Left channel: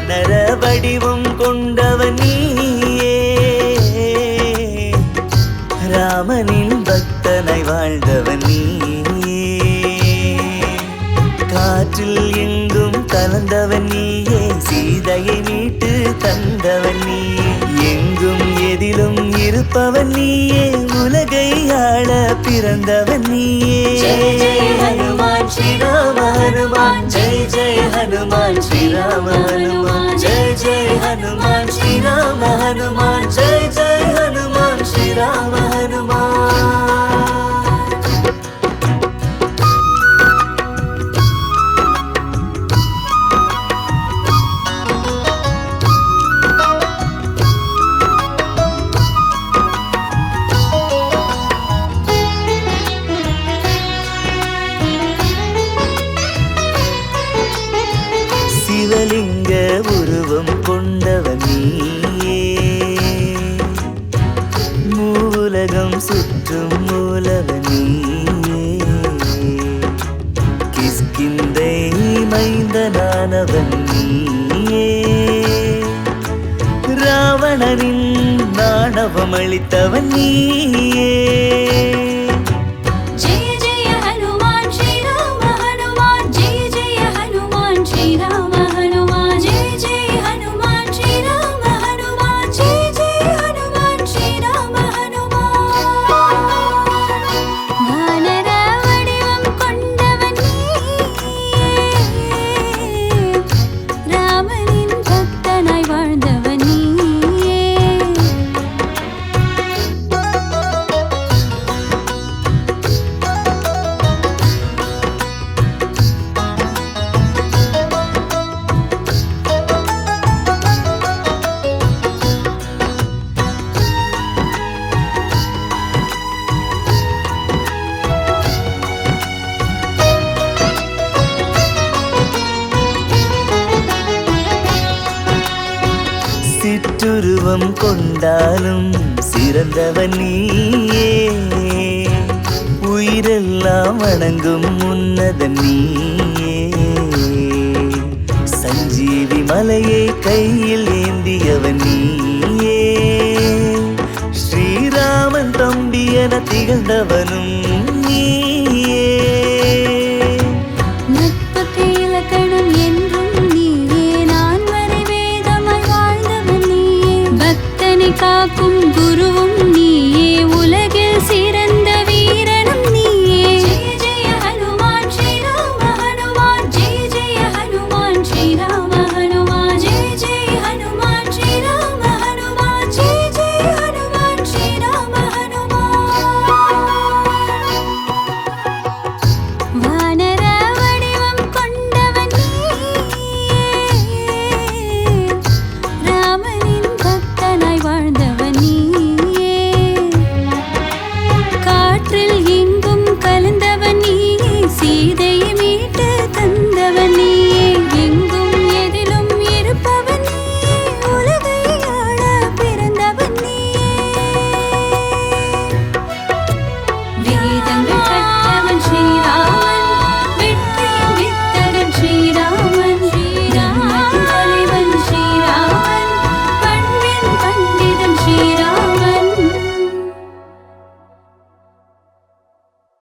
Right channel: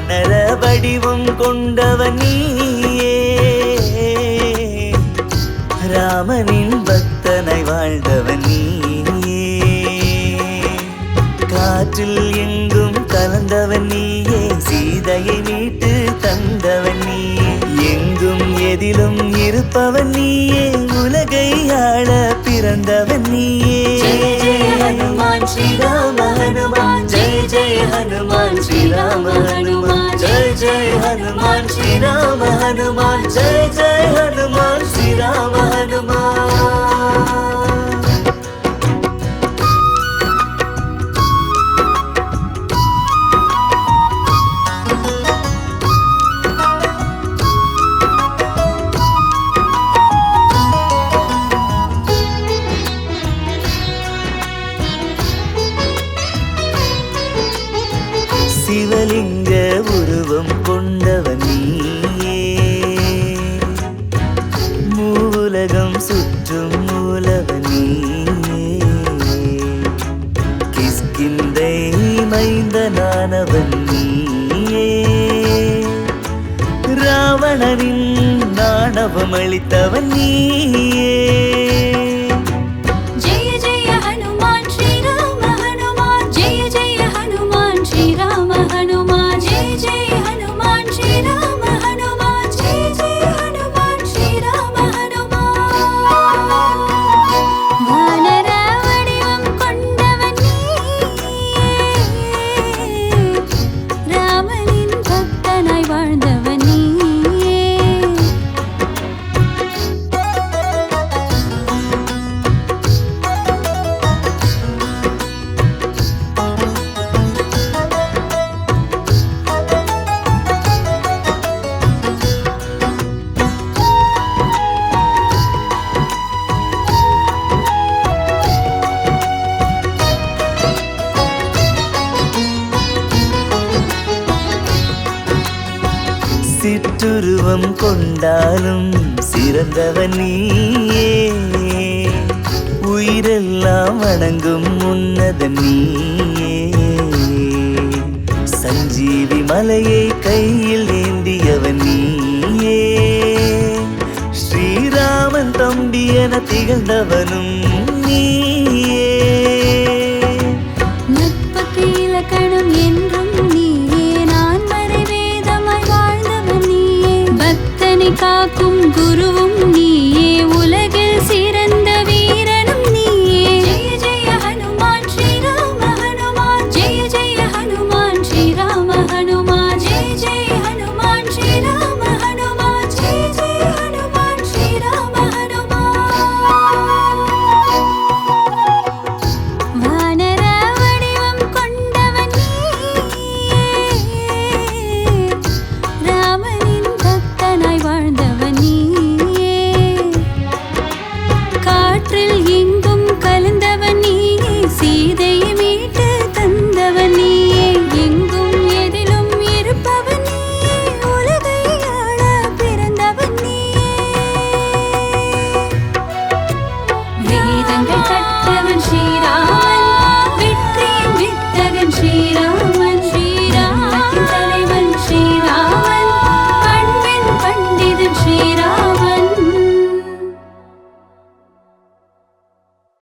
வானர வடிவம் கொண்டவன் நீயே ராமனின் பக்தனை வாழ்ந்தவன் நீயே காற்றில் எங்கும் கலந்தவன் நீயே சீதையை மீட்டு தந்தவன் நீயே எங்கும் எதிலும் இருப்பவன் உலகை ஆள பிறந்தவன் நீயே ஜெய் श्री राम हनुमान जय जय हनुमान श्री राम हनुमान। சிவலிங்க உருவம் கொண்டவன் நீயே. மூலகம் சுற்றும் மூலவன் நீயே. கிஸ்கிந்தை மைந்தனானவன் நீயே. ராவணனின் நாணவம் அளித்தவன் நீயே. சிற்றுருவம் கொண்டாலும் சிறந்தவன் நீயே. உயிரெல்லாம் வணங்கும் உன்னதன் நீயே. சஞ்சீவி மலையை கையில் ஏந்தியவன் நீயே. ஸ்ரீராமன் தம்பி என திகழ்ந்தவனும் நீயே. நட்புக்கு இலக்கணம் என்றும் காக்கும் குருவும் நீயே. நீ நீயே சீதையை மீட்டு தந்தவன்